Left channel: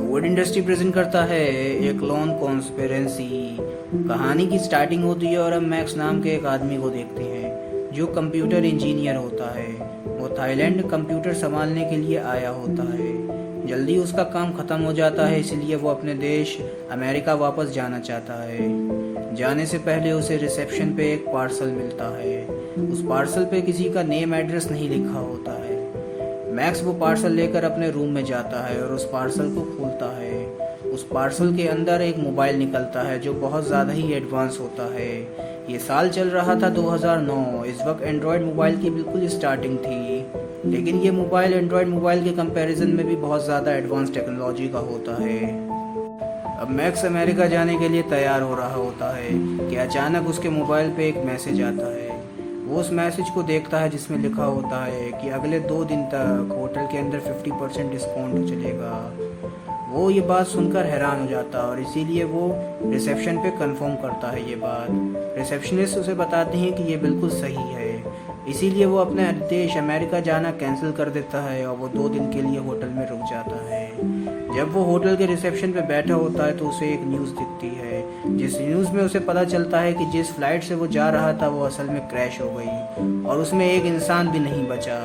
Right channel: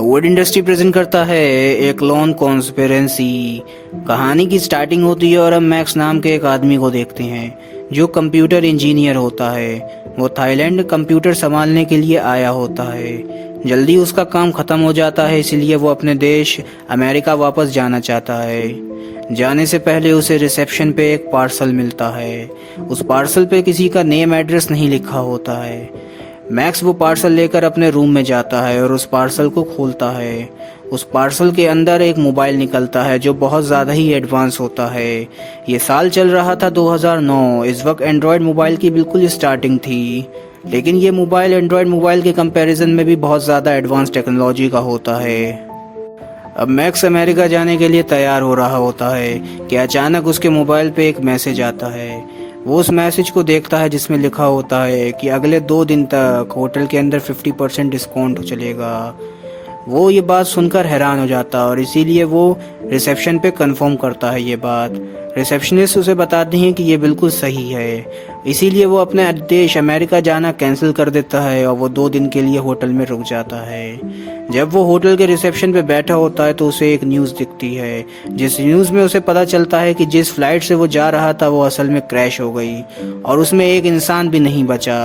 Would industry present करता है एक लॉन कॉन्स्पिरेंसी। कहानी की स्टार्टिंग होती है और हम मैक्स नाम के एक आदमी को देखते हैं जो कंप्यूटर इंजीनियर होता है। वो थाईलैंड कंप्यूटर संभालने के लिए आया होता है। जल्दी उसका काम ख़त्म हो जाता है, इसलिए वो अपने देश अमेरिका वापस जाना चाहता है। जाने से पहले उसे रिसेप्शन पे एक पार्सल मिलता है। उस पार्सल पे किसी का नेम एड्रेस नहीं लिखा होता है। मैक्स वो पार्सल लेकर अपने रूम में जाता है और उस पार्सल को खोलता है। उस पार्सल के अंदर एक मोबाइल निकलता है जो बहुत ज़्यादा ही एडवांस होता है। ये साल चल रहा था 2009। इस वक्त एंड्रॉयड मोबाइल की बिल्कुल स्टार्टिंग थी, लेकिन ये मोबाइल एंड्रॉयड मोबाइल के कंपैरिजन में भी बहुत ज़्यादा एडवांस टेक्नोलॉजी का होता है। अब मैक्स अमेरिका जाने के लिए तैयार हो रहा होता है कि अचानक उसके मोबाइल पे एक मैसेज आता है। वो उस मैसेज को देखता है जिसमें लिखा होता है कि अगले 2 दिन तक होटल के अंदर 50% डिस्काउंट चलेगा। वो ये बात सुनकर हैरान हो जाता है और इसीलिए वो रिसेप्शन पे कंफर्म करता है ये बात। रिसेप्शनिस्ट उसे बताते हैं कि ये बिल्कुल सही है, इसीलिए वो अपने देश अमेरिका जाना कैंसिल कर देता है और वो 2 दिन के लिए होटल में रुक जाता है। जब वो होटल के रिसेप्शन पे बैठा होता है तो उसे एक न्यूज़ दिखती है, जिस न्यूज़ में उसे पता चलता है कि जिस फ्लाइट से वो जा रहा था वो असल में क्रैश हो गई और उसमें एक इंसान भी नहीं बचा।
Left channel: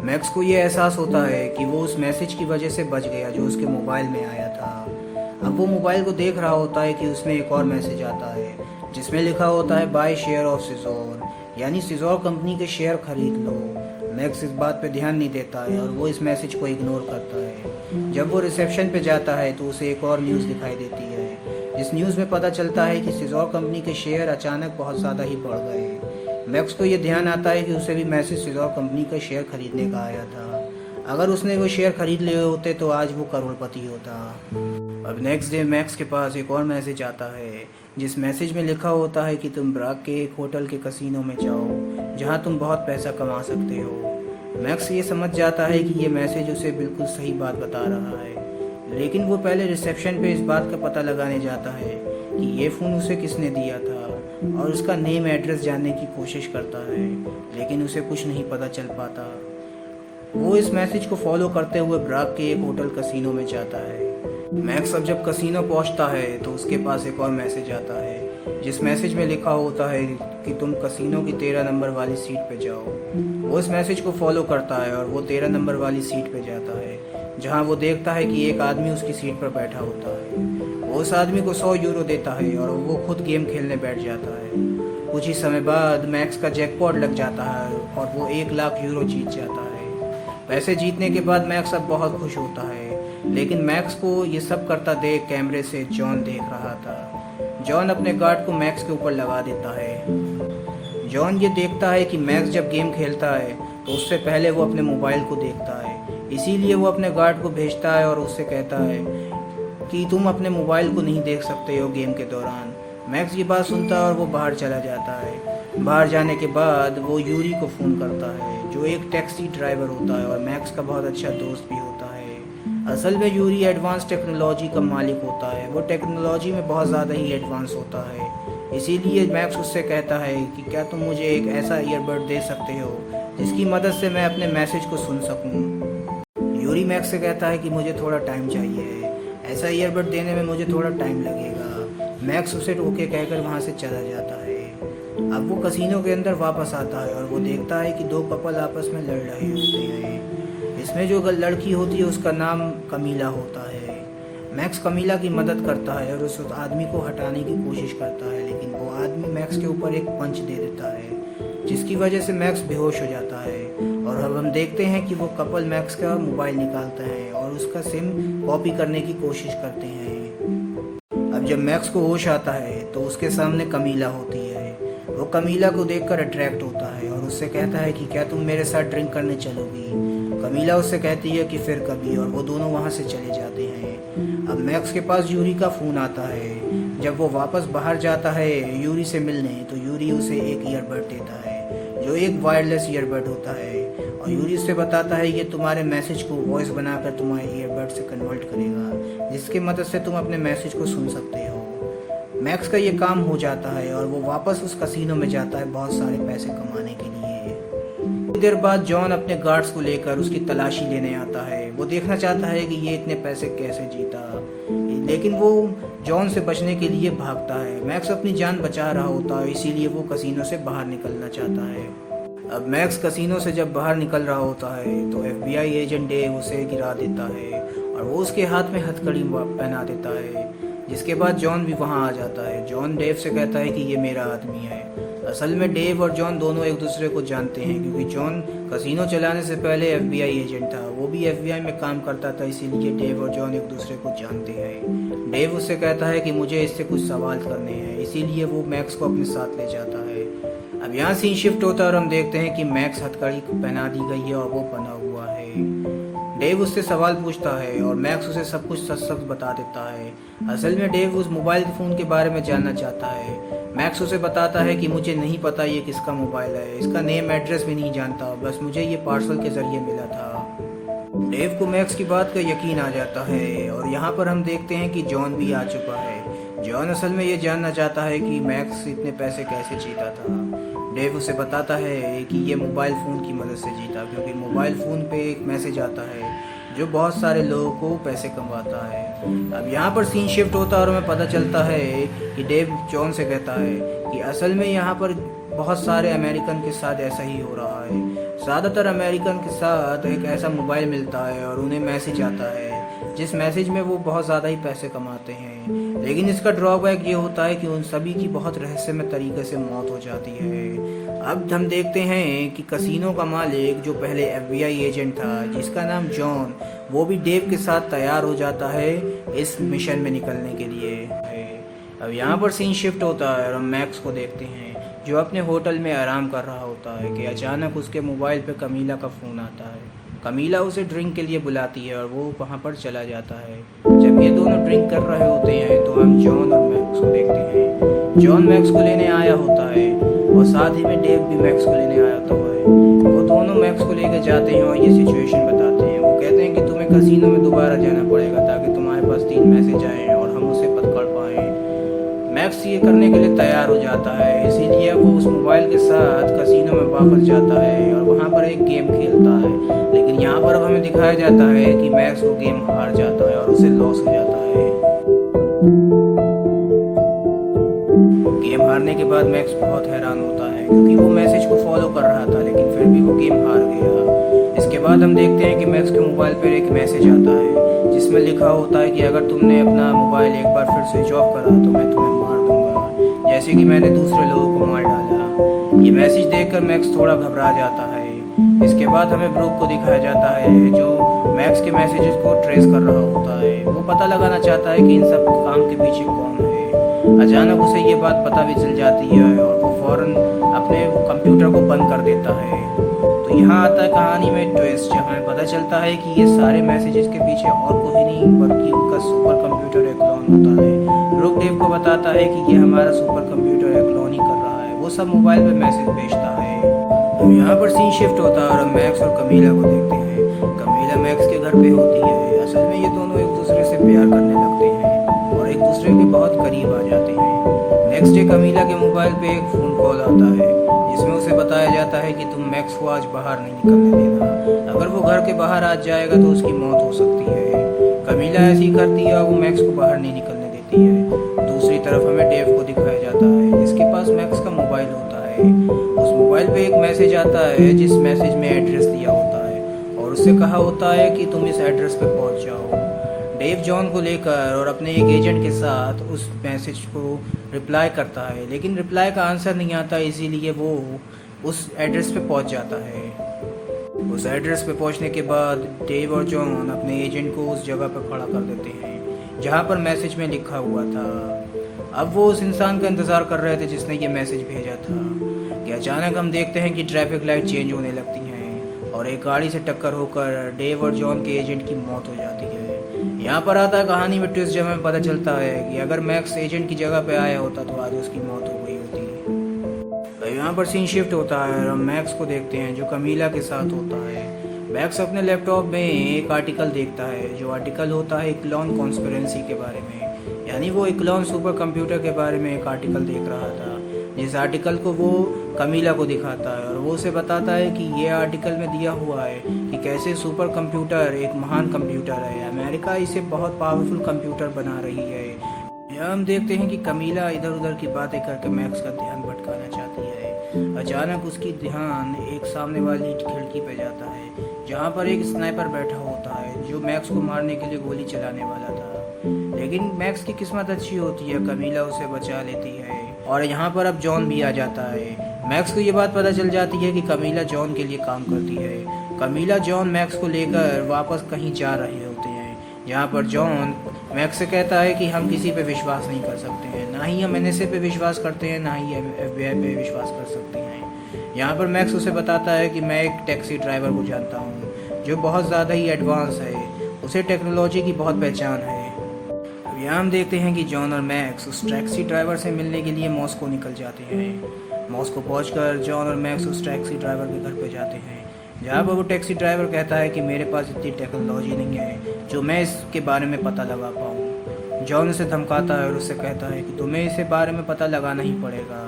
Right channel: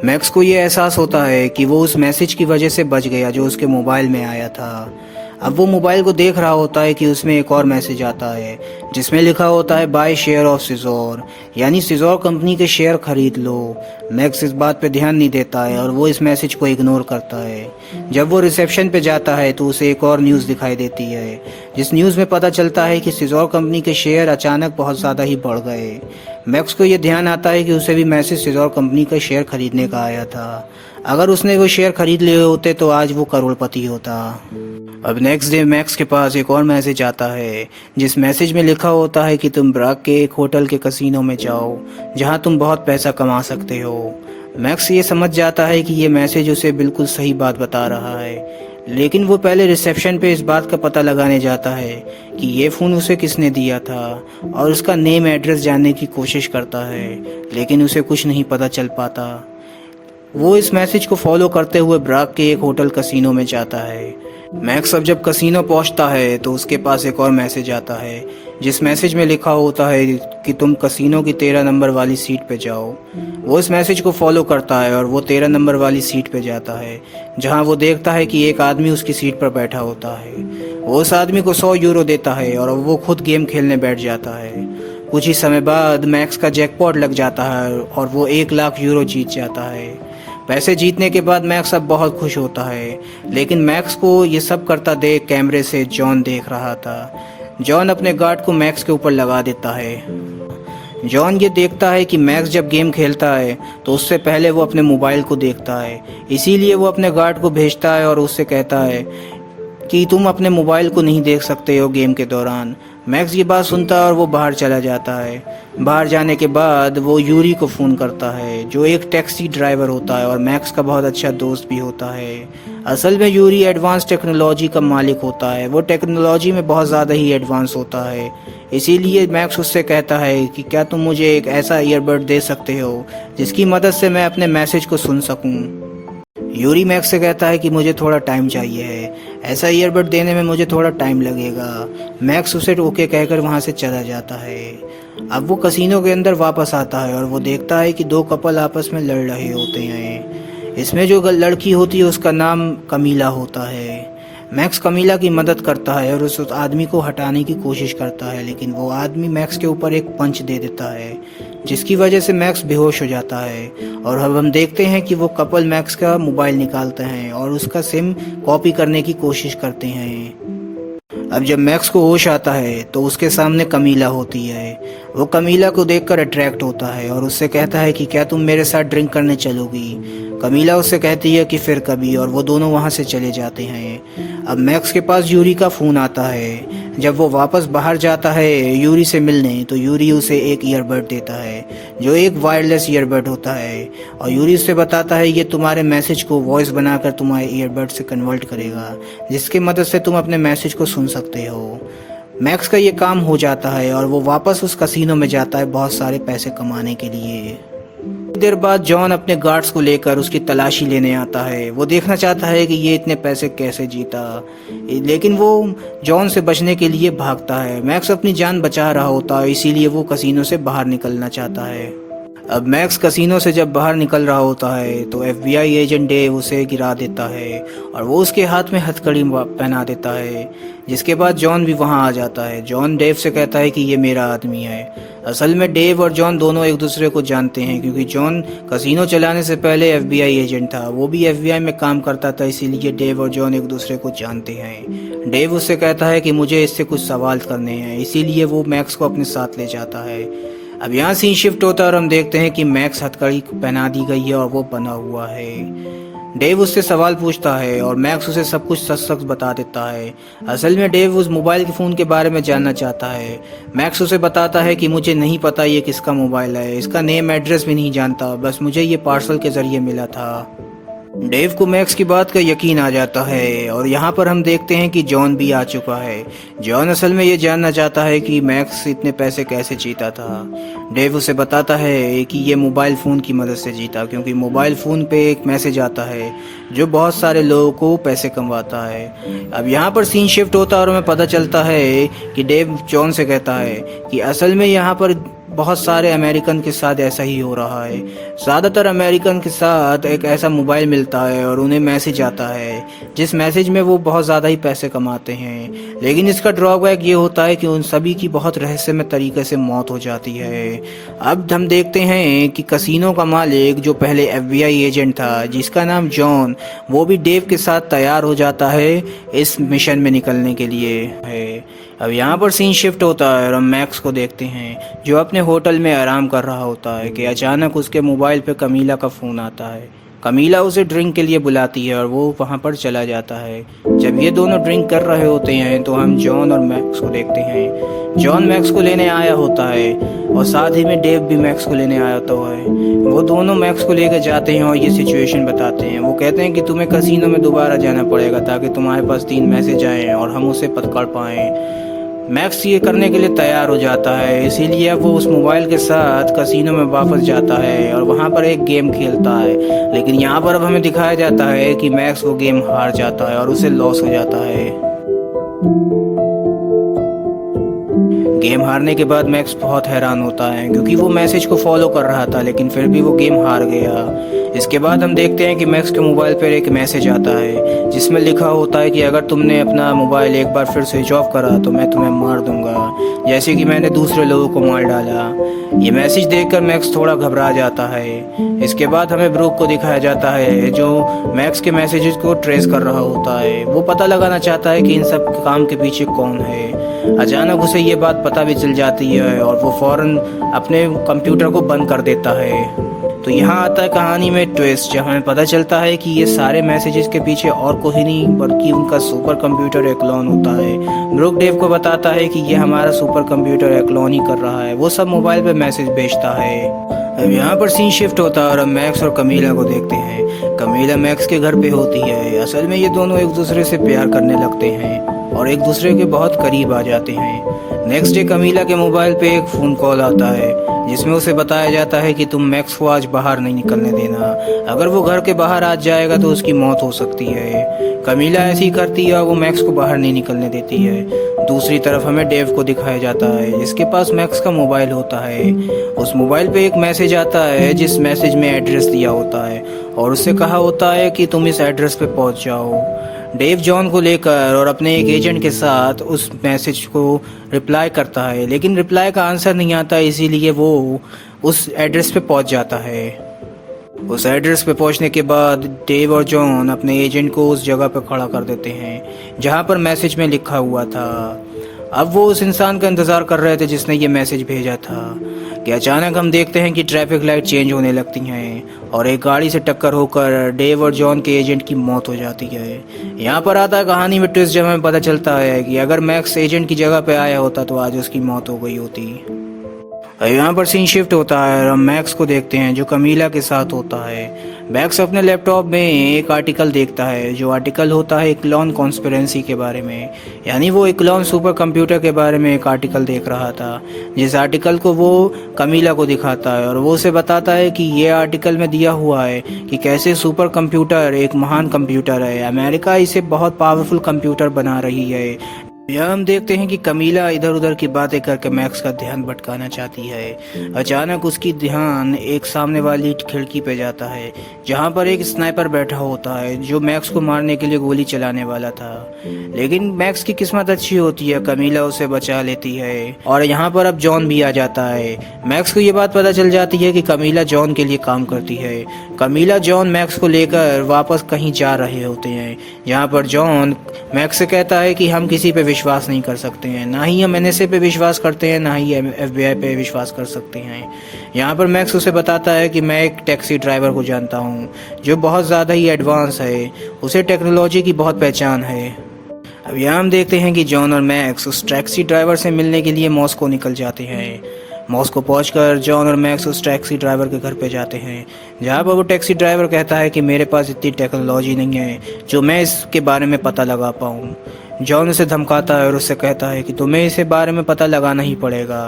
मैक्स को ये एहसास होता है कि वो उस मैसेज की वजह से बच गया जो उसके मोबाइल में आया था। अब वो मोबाइल को देख रहा होता है कि उसमें एक और मैसेज आता है जिसमें लिखा होता है बाय शेयर ऑफ सिजोर, यानी सिजोर कंपनी के शेयर खरीद लो। मैक्स इस बात पे ध्यान नहीं देता है और वो इस मैसेज को इग्नोर करता है। जब वो रिसेप्शन पे जाता है तो उसे एक और न्यूज़ दिखाई देती है, जिस न्यूज़ में पता चलता है कि सिजोर कंपनी के शेयर अचानक बहुत ज़्यादा ही बढ़ गए। मैक्स को ये ध्यान आता है कि उसे भी मैसेज सिजोर कंपनी का शेयर खरीदने का आया था। अगर उसने वो शेयर खरीद लिए होते तो आज वो करोड़पति होता। अब नेक्स्ट डे मैक्स के पास एक और मैसेज आता है, जिस मैसेज में लिखा होता है कि तुम ब्राक के एक होटल के कसीनो में जाओ जहां तुम बहुत पैसा कमा सकते हो। मैक्स ये समझ जाता है कि ये मैसेज उसे बिल्कुल सही बात बता रहा है, लेकिन वो पहले रिसेप्शन पे इस बात का पता लगाने जाता है कि ये फ़ोन उसे किसने दिया था और उसका नेम एड्रेस जानने की कोशिश करता है, लेकिन उसे कुछ नहीं पता चल पाता। वो इस मैसेज को फॉलो करते हुए ब्राक के एक होटल कसीनो में जाता है। मैक्स अब जब कसीनो पहुंचता है तो उसके पास एक और मैसेज आता है, जिस मैसेज में लिखा होता है कि तुम कसीनो की 13 नंबर वाली सीट पे जाओ। वो इस मैसेज को फॉलो करता है और वो 13 नंबर वाली सीट पे जाता है, जहां वो देखता है कि एक आदमी उसकी सीट पर बैठा होता है। वो उस आदमी को 100 यूरो देता है और वो खुद गेम खेलने बैठ जाता है। कुछ ही समय बाद मैक्स का जैकपॉट लग जाता है और वो 1 लाख यूरो जीत जाता है। पैसे जीतने के बाद मैक्स अब बहुत खुश होता है, लेकिन मैक्स को ये सब करता देख कैमरे से जॉन देख रहा था। जॉन अपने गार्ड को मैक्स के ऊपर लगा देता है। जॉन ये देखता है कि मैक्स जब गेम खेलता है तो उससे पहले वो अपने मोबाइल को देखता है, इसीलिए वो अपने गार्ड को भेजता है और उससे कहता है कि तुम अपने मोबाइल को नहीं देख सकते हो गेम के दौरान। मैक्स ये बात सुनता है और वो बाहर चला जाता है। बाहर जाने के बाद वो यूरी को फ़ोन करता है, जो एक टैक्सी ड्राइवर होता है और मैक्स का बहुत अच्छा दोस्त भी होता है। असल में यूरी एडवांस टेक्नोलॉजी का मालिक होता है, वो टेक्नोलॉजी में बहुत ज़्यादा ही एडवांस होता है। इसीलिए मैक्स उससे कहता है कि क्या तुम मुझे एक ऐसा ईयरबड दे सकते हो जिसकी मदद से मैं अपने मैसेज को सुन सकूं। यूरी मैक्स से कहता है कि मुझे थोड़ा टाइम चाहिए है, ऐसा ईयरबड देने में मुझे थोड़ा टाइम लगेगा। मैक्स उसे ओके कहकर वहाँ से चला जाता है। अब वो कसीनो के अंदर वापस आता है और वो देखता है कि 2 कपल आपस में लड़ रहे होते हैं। इसमें जो लड़की होती है उसका नाम कमीला होता है। मैक्स कमीला की मदद करता है और उस आदमी को हटाने की कोशिश करता है, लेकिन वो आदमी मैक्स के ऊपर एक पंच दे देता है, जिसकी वजह से मैक्स बेहोश हो जाता है। और अब हम देखते हैं कि वो कपल मैक्स का मोबाइल निकालते हैं और उसका सिम कॉपी करने की कोशिश करते हैं। अब जब मैक्स को होश आता है तो उसके सामने कमीला होती है। वो कमीला को देखकर अट्रैक्ट होता है और उससे कहता है कि क्या तुम मेरे साथ ड्रिंक करने चलोगी। कमीला उससे कहती है कि फिर कभी, और वो दोनों वहाँ से चले जाते हैं। अब मैक्स के पास यूरी का फ़ोन आता है। जब वो वापस बाहर जाता है यूरी से मिलने तो यूरी उसे एक ईयरबड देता है, जो एक वायरलेस ईयरबड होता है, और यूरी उससे बताता है ये तुम्हारे मैसेज को वॉइस बनाकर तुम्हारे ईयरबड से कन्वर्ट करेगा, जिसकी मदद से तुम अपने मैसेज को सुन सकते हो। मैक्स का ये काम हो जाता है और वो वापस उस कसीनो में जाता है बहुत सारे पैसे कमाने के लिए। देर बाद जॉन अपने गार्ड्स को लेकर उसकी तलाशी लेने आता है। वो देखना चाहता है कि ये इतने पैसे कैसे जीता, लेकिन वो जॉन से बचने के लिए भागता है। मैक्स अपनी जान बचा रहा होता है, इसीलिए वो कसीनो से बाहर निकलना चाहता है। अब मैक्स कसीनो से जब बाहर निकल रहा होता है तो FBI एजेंट डेव उसे गिरा देता है और वो उसके हाथ में हथकड़ी पहना देता है, जिसके बाद जॉन भी वहाँ आ जाता है। जॉन डेव से कहता है कि ये मेरा आदमी है। असल में डेव और जॉन दोनों एक दूसरे को जानते हैं, क्योंकि जॉन कसीनो चलाने से पहले FBI एजेंट था, वो भी FBI में काम करता था, इसीलिए डेव और जॉन एक दूसरे को जानते हैं। डेव उससे कहता है कि मुझे इससे कुछ सवाल करने हैं, इसीलिए वो मैक्स को अपने साथ ले जाता है। अब यहाँ सीन शिफ्ट होता है और हम देखते हैं कि मैक्स हथकड़ी पहना दी गई है और वो बना हुआ है। डेव उससे सवाल पूछता है और मैक्स उसे सब कुछ सच सच बता देता है। असल में डेव उस मोबाइल के फ़ोन के बारे में जानना चाहता है। मैक्स उसे बताता है कि मुझे नहीं पता ये किसका मोबाइल है, इसका नेम एड्रेस भी नहीं जानता, बस मुझे ये पार्सल के ज़रिए मिला था। डेव को मैक्स की बात का यकीन आ जाता है और यहाँ पर हम देखते हैं कि जॉन भी आ चुका है। जॉन असल में ये जानना चाहता है कि मैक्स इतने पैसे कैसे जीता था। डेव उसे बताता है कि ये मोबाइल फ़ोन की मदद से जीता, क्योंकि मोबाइल फ़ोन पे एक मैसेज आता है जो बहुत सारे लोगों को पैसे कमवाता है। अब यहाँ पर सीन शिफ्ट होता है और हमें पता चलता है कि डेव जॉन से कहता है कि असल में यहाँ पर बहुत सारे अमेरिकन के साथ ऐसा ही हो रहा है। ज़्यादातर अमेरिकन के साथ एक ऐसा मोबाइल मिलता है और उन्हें मैसेज आता है, जिस मैसेज में वो बहुत ज़्यादा ही पैसे कमाते हैं, लेकिन इसका ड्रॉबैक ये होता है कि उन सभी की बहुत रहस्यमय तरीके से मौत हो जाती है। अब हम देखते हैं कि कसीनो का मालिक जो पहले FBI एजेंट था, जिसका नाम जॉन, वो भी डेव के साथ तैयार हो जाता है इस मिशन में निकलने के लिए है। अब यहाँ पर सीन शिफ्ट होता है और हम मैक्स को देखते हैं जो अपने होटल में आराम कर रहा होता है कि अचानक उसके मोबाइल पे कमीला का फ़ोन आता है। कमीला उसे ड्रिंक के लिए बुलाती है और वो वहाँ पर चला जाता है। जब ये दोनों ड्रिंक कर रहे होते हैं तो हम जॉन और मैक्स को देखते हैं। जॉन मैक्स को लेने आया होता है और साथ ही में डेव भी मैक्स को लेने आया होता है। वो दोनों मैक्स को लेकर जाते हैं और ये सिचुएशन बताते हैं। वो कहते हैं कि तुम्हें कसीनो में दोबारा जाना पड़ेगा ताकि तुम्हारे पास 3 मैसेज आएँ और हम उसे पकड़ पाएँ। मैक्स ये करने के लिए तैयार हो जाता है, इसीलिए वो उस मोबाइल के साथ कसीनो में वापस जाता है और वहाँ पर एक गेम खेलता है। लेकिन यहाँ पर अब हमें दिखाया जाता है कि मैक्स वो गेम हार जाता है और उसे लॉस हो जाता है। गेम हारने के बाद मैक्स बहुत हैरान होता है, क्योंकि वो मैसेज को फॉलो कर रहा था लेकिन फिर भी वो गेम हार गया। इसके बाद हम देखते हैं कि मैक्स के मोबाइल पर एक मैसेज आता है जिसमें लिखा होता है कि अगर तुमने अपना मोबाइल एक बार फिर स्विच ऑफ करा तो मैं तुम्हें मार दूंगा, जैसे कि मैंने दूसरे लोगों को मार डाला। ये मैसेज देखकर मैक्स थोड़ा घबरा जाता है। इसके बाद हमें ब्रूक को दिखाया जाता है जो मैक्स के मैसेजेस को ट्रेस कर रहा होता है। वो पता लगाना चाहता है कि इन सब काम के पीछे कौन है। अचानक उसे ये बात पता भी चल जाती है और वो फौरन अपने कंप्यूटर को बंद कर देता है। तो यहाँ आता है कहानी में ट्विस्ट, जहाँ हमें पता चलता है कि ये सारे मैसेजेस के पीछे और कोई नहीं बल्कि उनका सुपर कंप्यूटर एक्लॉन होता है। ब्रूक डेव को बताता है कि ये हमारा सुपर कंप्यूटर एक्लॉन ही कर रहा है, वो सब मोबाइल पे मैसेज भेजता है। अब यहाँ पर सीन शिफ्ट होता है और हम मैक्स और कमीला को देखते हैं। कमीला मैक्स के घर पे होती है। असल में ये दोनों एक दूसरे से प्यार करने लगते हैं और एक दूसरे के बहुत करीब आ जाते हैं। नेक्स्ट डे कमीला के मोबाइल पे एक फ़ोन कॉल आता है जिसमें उसे बताया जाता है कि तुम मैक्स को आज बाहर नहीं निकलने देना, अगर वो घर के बाहर आ जाएगा तो उसकी मौत हो सकती है। कमीला ऐसी ही करती है और वो मैक्स को बाहर नहीं निकलने देती है। दूसरी तरफ हमें डेव को दिखाया जाता है जिसके पास मैक्स का मोबाइल होता है। उस मोबाइल पे एक मैसेज आता है जिस मैसेज में एड्रेस दिया होता है और उससे कहा होता है कि तुम इस एड्रेस पे पहुंच जाओ। डेव जॉन को लेकर और अपने एक एजेंट के साथ उस मैसेज को रिप्लाई करता है, लेकिन रिप्लाई का आंसर नहीं आता, इसीलिए वो उस एड्रेस पे पहुंच जाता है। उस एड्रेस पे पहुंचने के बाद डेव और जॉन अपने एजेंट को उस जगह पे खड़ा कर देते हैं जहां पर मैसेज में लिखा हुआ था। अब वो उस इंसान का इंतज़ार कर रहे थे जिसने ये मैसेज भेजा था कि अचानक हम देखते हैं कि ट्रैफिक लाइट चेंज होने लगती हैं और एक गाड़ी से टक्कर होकर डेव और जॉन के एजेंट की मौत हो जाती है। यहाँ पर आता है कहानी में ट्विस्ट, जब हमें पता चलता है कि अगर मैक्स एजेंट की जगह पे आया होता तो आज उसकी मौत हो गई होती। यहाँ पर सीन शिफ्ट होता है और हम मैक्स को देखते हैं जो कमीला के साथ होता है। मैक्स अपने लैपटॉप में एक आर्टिकल देखता है, जो आर्टिकल होता है इक्लॉन कॉन्स्पिरेंसी के बारे में। यानी वो इक्लॉन सुपर कंप्यूटर के बारे में एक आर्टिकल देख रहा था, जिस आर्टिकल को वो कमीला को दिखाता है और वो उसे बताता है कि ये आर्टिकल में दिया हुआ है कि कैसे सुपर कंप्यूटर एक महान कंप्यूटर है, अमेरिका इसे बहुत पावरफुल कंप्यूटर बना रही है। यहाँ हम देखते हैं कि कमीला इधर उधर की बातें करके मैक्स का ध्यान भटकाना चाहती है। अचानक उसकी ध्यान एक सामने वाली खिड़की पे जाता है, जहाँ पर एक स्नाइपर बैठा होता है जो मैक्स को मारने के लिए गोली चलाने वाला था। लेकिन मैक्स की किस्मत अच्छी होती है, कमीला उसे बचा लेती है और यहाँ पर अब जॉन भी आ जाता है। मैक्स को ये बात पता चल जाती है कि कमीला जॉन के लिए काम करती है। कमीला जॉन मैक्स को लेकर वापस कहीं जा रहे होते हैं, जहाँ पर जॉन मैक्स से कहता है कि हम किसी पे विश्वास नहीं कर सकते हैं, ना ही हम एनएसए पे विश्वास करते हैं, ना ही एफबीआई पे विश्वास कर सकते हैं। यहाँ पर मैक्स उसे बताता है कि मैं एक टैक्सी ड्राइवर को जानता हूँ जो बहुत ज़्यादा ही एडवांस है, उसे टेक्नोलॉजी की बहुत पहचान है। अब यहाँ हम देखते हैं कि जॉन और मैक्स उस टैक्सी ड्राइवर से मिलने के लिए मॉस्को निकल जाते हैं। मॉस्को पहुंचकर जॉन और मैक्स उस टैक्सी ड्राइवर के घर पे जाते हैं, जहाँ पर वो टैक्सी ड्राइवर कहता है कि मेरे पास इतनी टेक्नोलॉजी नहीं है जो मैं इसके बारे में पता लगा पाऊँ। जॉन उसे धमकाता है और उससे कहता है कि तुम्हें इसे बारे में पता लगाना ही पड़ेगा।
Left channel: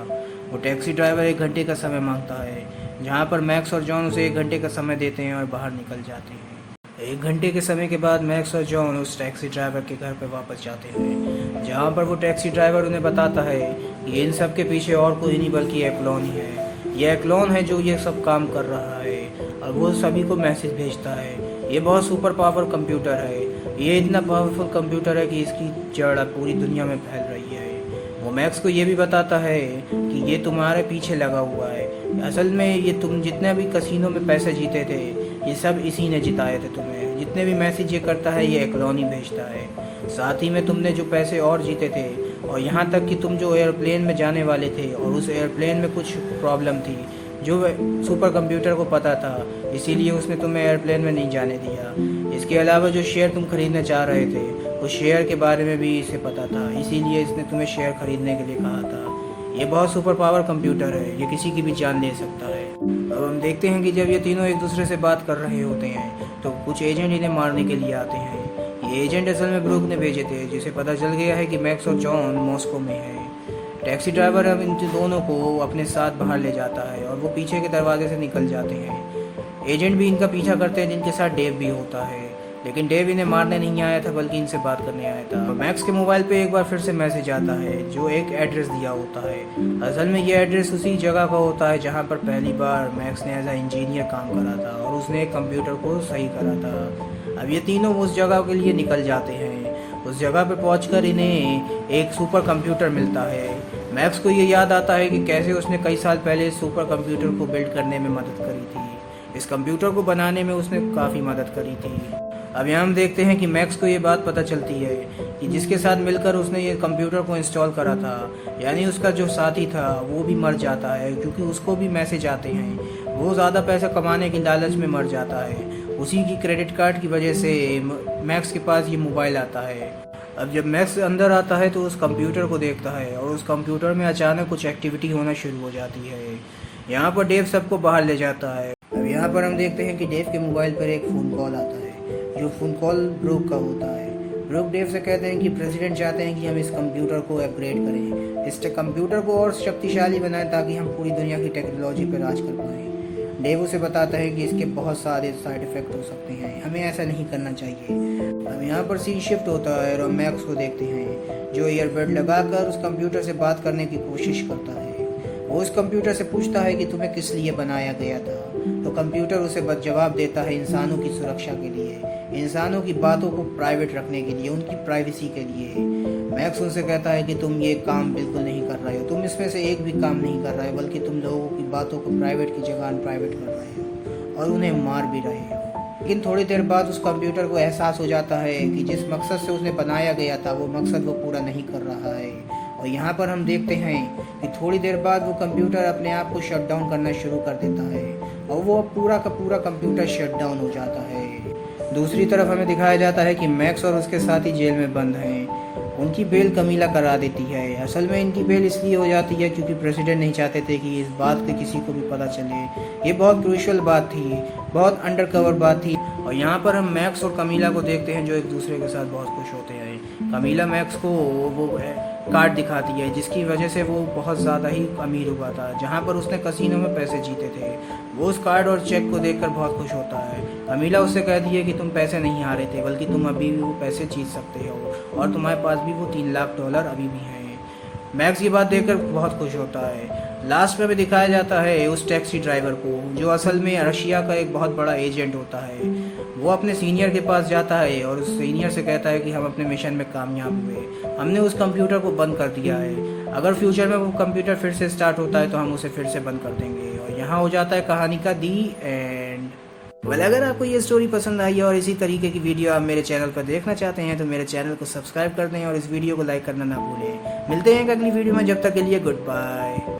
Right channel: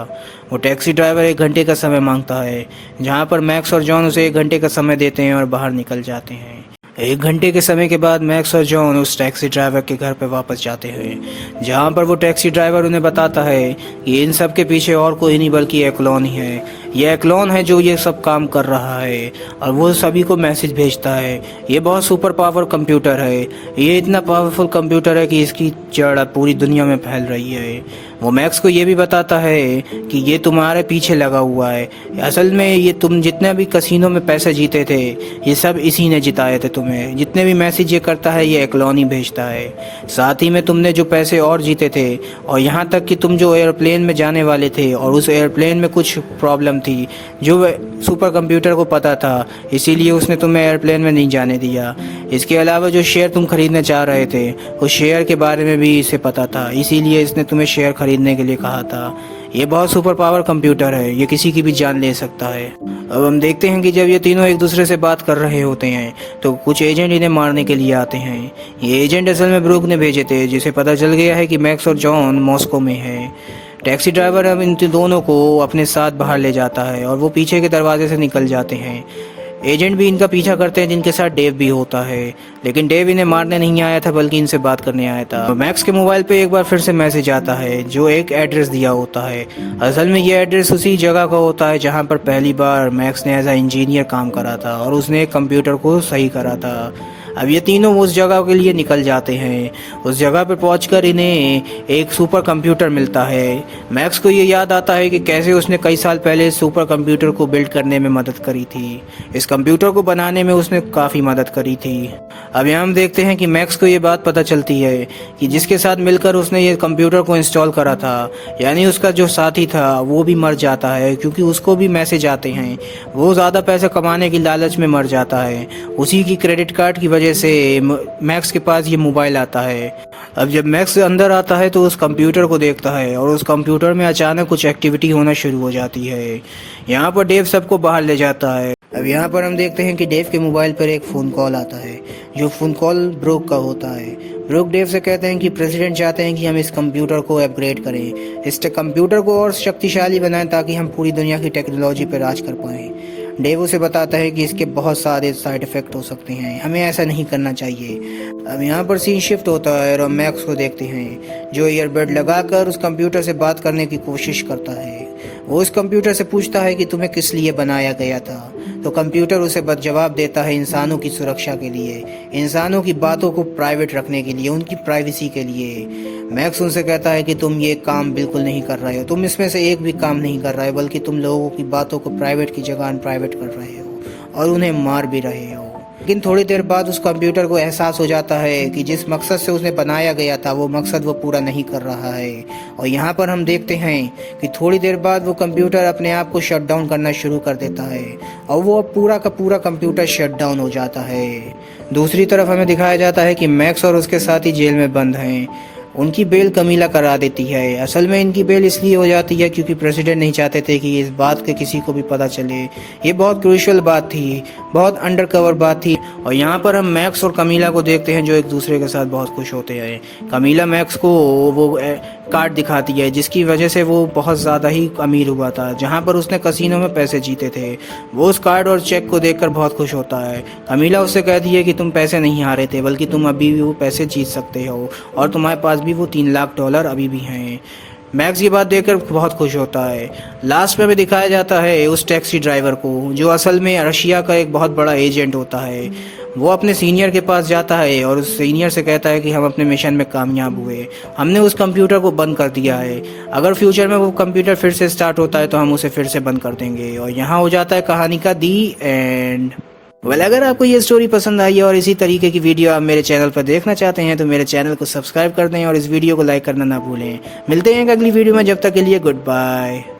वो टैक्सी ड्राइवर 1 घंटे का समय मांगता है, जहाँ पर मैक्स और जॉन उसे 1 घंटे का समय देते हैं और बाहर निकल जाते हैं। 1 घंटे के समय के बाद मैक्स और जॉन उस टैक्सी ड्राइवर के घर पर वापस जाते हैं, जहाँ पर वो टैक्सी ड्राइवर उन्हें बताता है कि इन सब के पीछे और कोई नहीं बल्कि एक्लॉन ही है। ये एक्लॉन है जो ये सब काम कर रहा है और वो सभी को मैसेज भेजता है। ये बहुत सुपर पावर कंप्यूटर है, ये इतना पावरफुल कंप्यूटर है कि इसकी जड़ अब पूरी दुनिया में फैल रही है। वो मैक्स को ये भी बताता है कि ये तुम्हारे पीछे लगा हुआ है, असल में ये तुम जितने भी कसिनो में पैसे जीते थे ये सब इसी ने जिताए थे तुम्हें। जितने भी मैसेज ये करता है ये एक्लॉन ही भेजता है। साथ ही में तुमने जो पैसे और जीते थे और यहाँ तक कि तुम जो एयरप्लेन में जाने वाले थे और उस एयरप्लेन में कुछ प्रॉब्लम थी जो सुपर कंप्यूटर को पता था, इसीलिए उसने तुम्हें एयरप्लेन में नहीं जाने दिया। इसके अलावा जो शेयर तुम खरीदना चाह रहे थे उस शेयर के बारे में भी इसे पता था, इसीलिए इसने तुम्हें शेयर खरीदने के लिए कहा था। ये बहुत सुपर पावर कंप्यूटर है, ये किसी की भी जान ले सकता है। अब हम देखते हैं कि जब ये तीनों एक दूसरे से बात कर रहे होते हैं तो कुछ एजेंट इन्हें मारने के लिए आते हैं। ये एजेंट असल में ब्रूक ने भेजे थे, जिसे पता चल गया है कि मैक्स और जॉन मॉस्को में हैं। टैक्सी ड्राइवर अब इन दोनों को अपने साथ बाहर ले जाता है और वो पीछे के दरवाजे से निकल जाते हैं। एजेंट भी इनका पीछा करते हैं, जिनके साथ डेव भी होता है, लेकिन डेव इन्हें मारने नहीं आया था बल्कि इनसे बात करने आया था। तो मैक्स के मोबाइल पे एक बार फिर से मैसेज आता है जो एक एड्रेस दिया होता है। असल में ये एड्रेस उसी जगह का होता है जहाँ पर पहली बार मैक्स ने एज अ इंजीनियर काम करा था और उसने एक कंप्यूटर को सही करा था। अब ये तीनों उस जगह के लिए निकल जाते हैं। उस जगह पर पहुंचकर इन्हें एक सुपर कंप्यूटर मिलता है। मैक्स को ये याद आता है कि कैसे उसने कई साल पहले सुपर कंप्यूटर को बिल्ड करने में मदद करी थी। इस कंप्यूटर को बनाने में उसने काफ़ी मदद करी थी। अब यहाँ हम देखते हैं कि मैक्स को ये बात पता चलती है कि जिसके साथ मिलकर उसने ये कंप्यूटर को इंस्टॉल करा था, यानी उसका जो साथी था वो भी मर जाता है, क्योंकि उसको भी मैसेज आते हैं। वो ज़्यादा पैसे कमाने की लालच में मर जाता है। उसी की क्रेडिट कार्ड की वजह से मैक्स के पास ये मोबाइल आता है। अब जब मैक्स अंदर आता है तो उस कंप्यूटर को देखता है और उस कंप्यूटर में अचानक कुछ एक्टिविटी होना शुरू हो जाती है। यहाँ पर डेव सबको बाहर ले जाता है। अब यहाँ पर हम देखते हैं कि डेव के मोबाइल पर एक फ़ोन कॉल आता है, जो फ़ोन कॉल ब्रूक का होता है। ब्रूक डेव से कहते हैं कि प्रेसिडेंट चाहते हैं कि हम इस कंप्यूटर को अपग्रेड करें, इस कंप्यूटर को और शक्तिशाली बनाएं ताकि हम पूरी दुनिया की टेक्नोलॉजी पर राज कर पाएँ। डेव उसे बताता है कि इसके बहुत सारे साइड इफ़ेक्ट हो सकते हैं, हमें ऐसा नहीं करना चाहिए। अब यहाँ पर सीन शिफ्ट होता है और हम मैक्स को देखते हैं जो ईयरबड लगाकर उस कंप्यूटर से बात करने की कोशिश करता है। वो उस कंप्यूटर से पूछता है कि तुम्हें किस लिए बनाया गया था, तो कंप्यूटर उसे जवाब देता है इंसानों की सुरक्षा के लिए, इंसानों की बातों को प्राइवेट रखने के लिए, उनकी प्राइवेसी के लिए। मैक्स उनसे कहता है कि तुम ये काम बिल्कुल नहीं कर रहे हो, तुम इसमें से एक भी काम नहीं कर रहे हो, बल्कि तुम लोगों की बातों को प्राइवेट की जगह अनप्राइवेट कर रहे हो और उन्हें मार भी रहे हो। लेकिन थोड़ी देर बाद उस कंप्यूटर को एहसास हो जाता है कि जिस मकसद से उसने बनाया गया था वो मकसद वो पूरा नहीं कर रहा है। और यहाँ पर हम देखते हैं कि थोड़ी देर बाद वो कंप्यूटर अपने आप को शट डाउन करना शुरू कर देता है और वो पूरा का पूरा कंप्यूटर शट डाउन हो जाता है। दूसरी तरफ हमें दिखाया जाता है कि मैक्स और उसके साथी जेल में बंद हैं। उनकी बेल कमीला करा देती है। असल में इनकी बेल इसलिए हो जाती है क्योंकि प्रेसिडेंट नहीं चाहते थे कि इस बात के किसी को भी पता चले। ये बहुत क्रूशियल बात थी, बहुत अंडरकवर बात थी। और यहाँ पर हम मैक्स और कमीला को देखते हैं जो एक दूसरे के साथ बहुत खुश होते हैं। कमीला मैक्स को वो कार्ड दिखाती है जिसकी वजह से वो बहुत ज़्यादा ही अमीर हुआ था, जहाँ पर उसने कसिनो में पैसे जीते थे। वो उस कार्ड और चेक को देखकर बहुत खुश होता है। कमीला उससे कहती है कि तुम पैसे नहीं हारे थे, बल्कि तुम अभी भी वो पैसे जीत सकते हो और तुम्हारे पास भी वो $3 लाख अभी भी हैं। मैक्स ये बात देखकर बहुत खुश होता है। लास्ट में भी दिखाया जाता है उस टैक्सी ड्राइवर को जो असल में रशिया का एक बहुत बड़ा एजेंट होता है। वो अपने सीनियर के पास जाता है और उस सीनियर से कहता है कि हम अपने मिशन में कामयाब हुए, हमने उस कंप्यूटर को बंद कर दिया है। अगर फ्यूचर में वो कंप्यूटर फिर से स्टार्ट होता है तो हम उसे फिर से बंद कर देंगे। और यहाँ हो जाता है कहानी का दी एंड। अगर आपको ये स्टोरी पसंद आई और इसी तरीके की वीडियो आप मेरे चैनल पर देखना चाहते हैं तो मेरे चैनल को सब्सक्राइब कर दें और इस वीडियो को लाइक करना ना भूलें। मिलते हैं एक अगली वीडियो में, जब तक के लिए गुड बाय।